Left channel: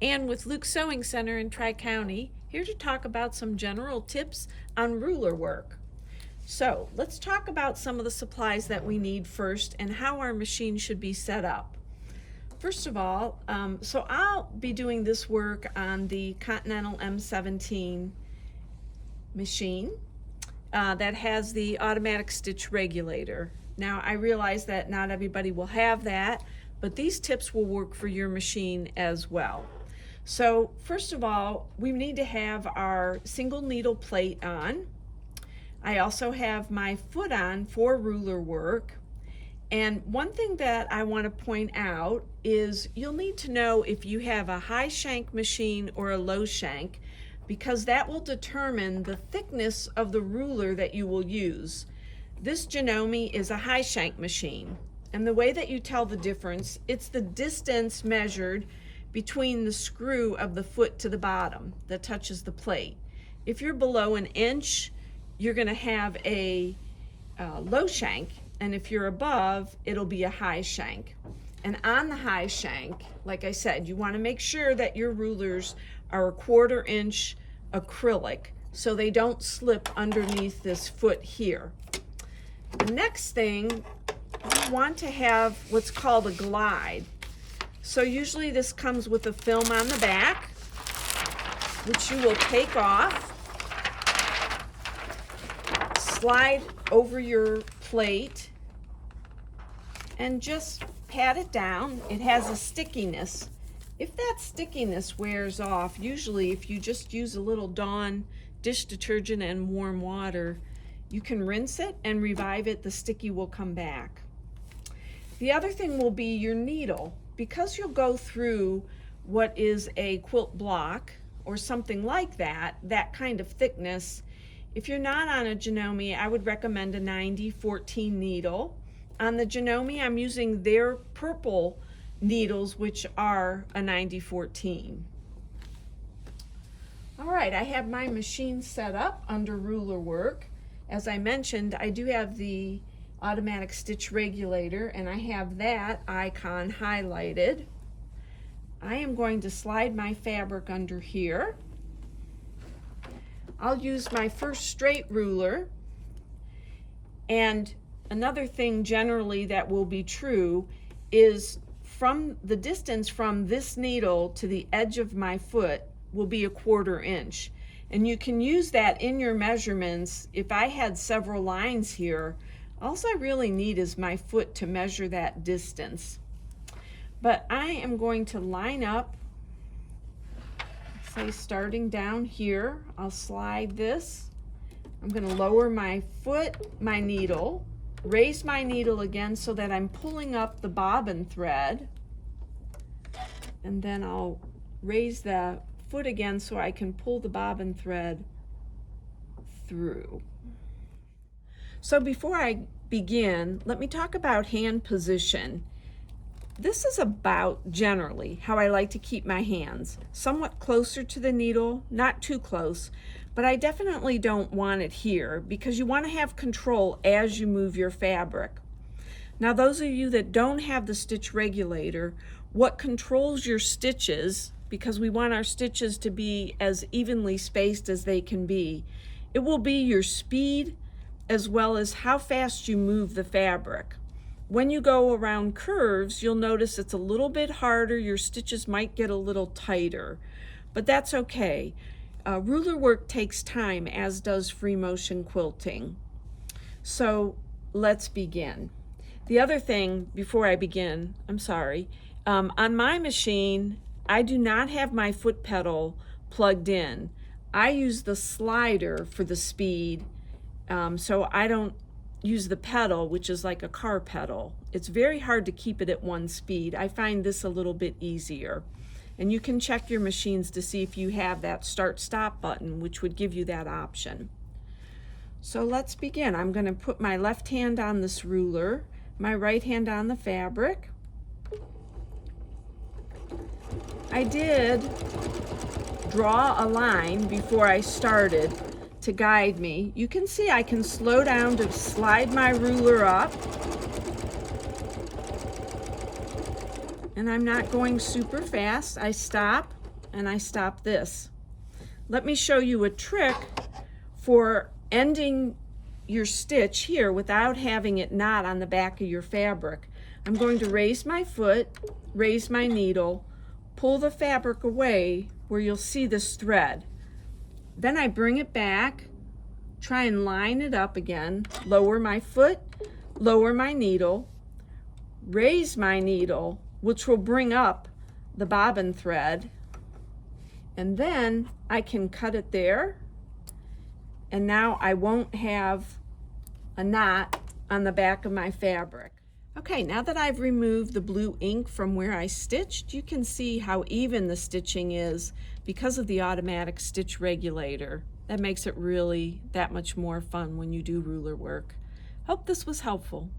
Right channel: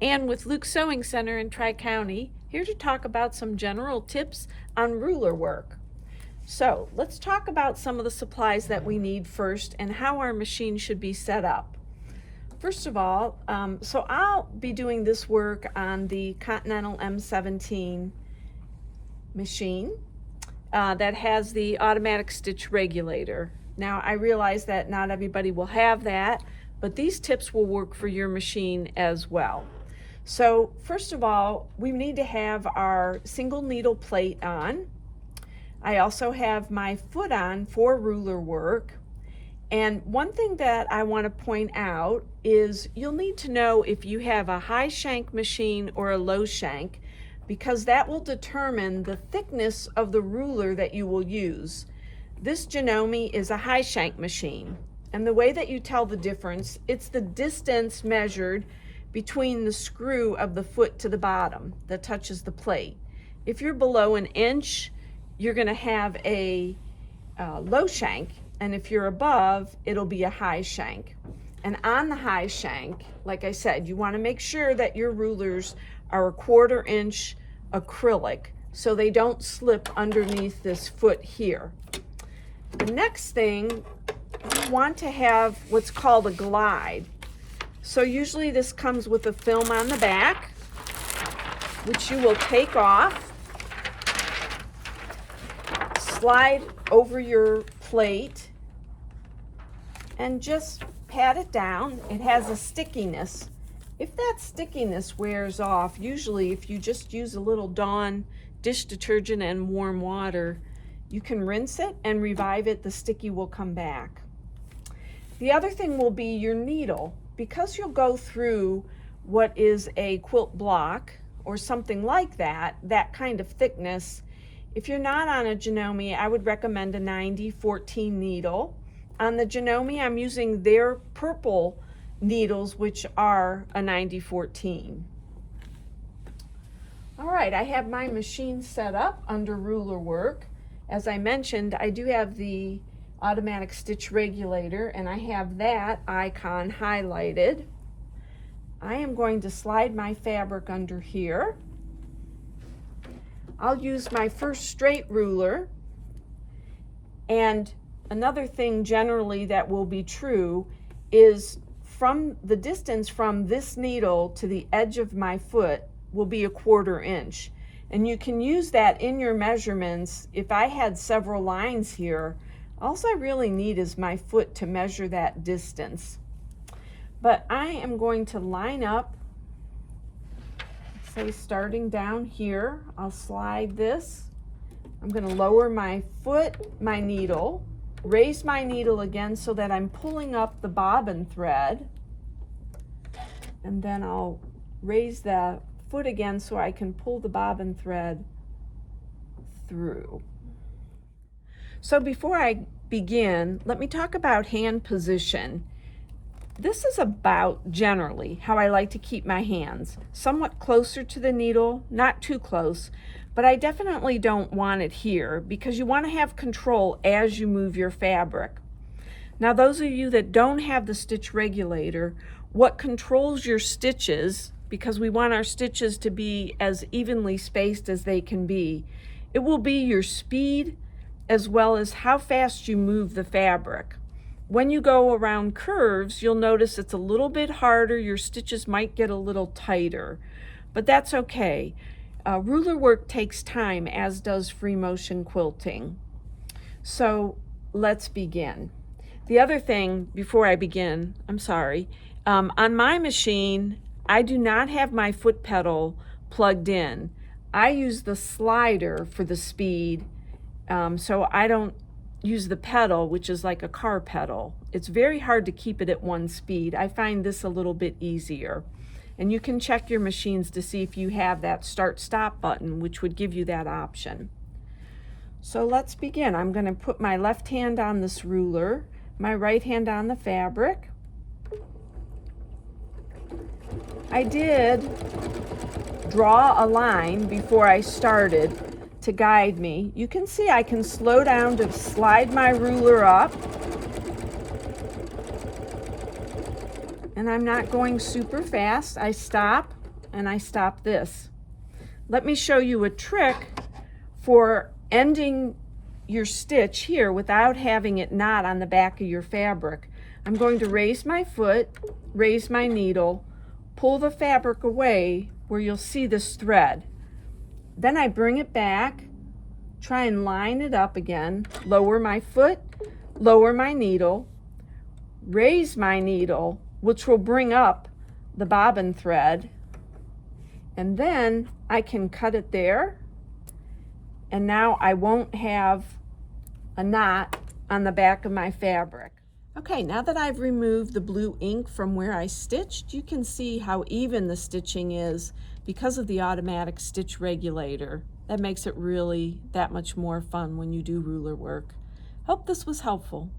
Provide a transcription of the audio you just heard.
and with Luke's Sewing Center in Tri-County, here to talk about some general tips on ruler work. So let's talk about some of the supplies that we need first and how our machine should be set up. First of all, so I'll be doing this work on the Continental M17 machine that has the automatic stitch regulator. Now I realize that not everybody will have that, but these tips will work for your machine as well. So first of all, we need to have our single needle plate on. I also have my foot on for ruler work. And one thing that I want to point out is you'll need to know if you have a high shank machine or a low shank, because that will determine the thickness of the ruler that you will use. This Janome is a high shank machine, and the way that you tell the difference, it's the distance measured between the screw of the foot to the bottom that touches the plate. If you're below an inch, you're going to have a low shank, and if you're above, it'll be a high shank. And on the high shank, like I said, you want to make sure that your rulers are 1/4 inch acrylic so they don't slip underneath this foot here. The next thing, you want to have what's called a glide. So usually this comes with a film on the back, which you will take off, slide over your plate, and just pat it down. It has a stickiness. If that stickiness wears off, usually if you just use a little Dawn dish detergent and warm water, you can rinse it and revive it, the sticky will come back. The other thing will be your needle. Because you'll go through what is a quilt block or something like that, that kind of thickness, if you're not on a Janome, I would recommend a 90-14 needle. On the Janome, I'm using their purple needles, which are a 90-14. All right, I have my machine set up under ruler work. As I mentioned, I do have the automatic stitch regulator, and I have that icon highlighted. I am going to slide my fabric under here. I'll use my first straight ruler, and another thing generally that will be true is from the distance from this needle to the edge of my foot will be 1/4 inch, and you can use that in your measurements. If I had several lines here, all I really need is my foot to measure that distance. But I am going to line up, say starting down here, I'll slide this. I'm going to lower my foot, my needle, raise my needle again so that I'm pulling up the bobbin thread, and then I'll raise the foot again so I can pull the bobbin thread through. So before I begin, let me talk about hand position. This is about generally how I like to keep my hands, somewhat closer to the needle, not too close, but I definitely don't want it here because you want to have control as you move your fabric. Now, those of you that don't have the stitch regulator, what controls your stitches, because we want our stitches to be as evenly spaced as they can be, it will be your speed as well as how fast you move the fabric. When you go around curves, you'll notice it's a little bit harder. Your stitches might get a little tighter, but that's okay. Ruler work takes time, as does free motion quilting. So let's begin. The other thing before I begin, I'm sorry, on my machine, I do not have my foot pedal plugged in. I use the slider for the speed. So I don't use the pedal, which is like a car pedal. It's very hard to keep it at one speed. I find this a little bit easier. And you can check your machines to see if you have that start-stop button, which would give you that option. So let's begin. I'm going to put my left hand on this ruler, my right hand on the fabric. I did draw a line before I started to guide me. You can see I can slow down to slide my ruler up, and I'm not going super fast. I stop, and I stop this. Let me show you a trick for ending your stitch here without having it knot on the back of your fabric. I'm going to raise my foot, raise my needle, pull the fabric away where you'll see this thread. Then I bring it back, try and line it up again, lower my foot, lower my needle, raise my needle, which will bring up the bobbin thread, and then I can cut it there, and now I won't have a knot on the back of my fabric. Okay, now that I've removed the blue ink from where I stitched, you can see how even the stitching is because of the automatic stitch regulator. That makes it really that much more fun when you do ruler work. Hope this was helpful.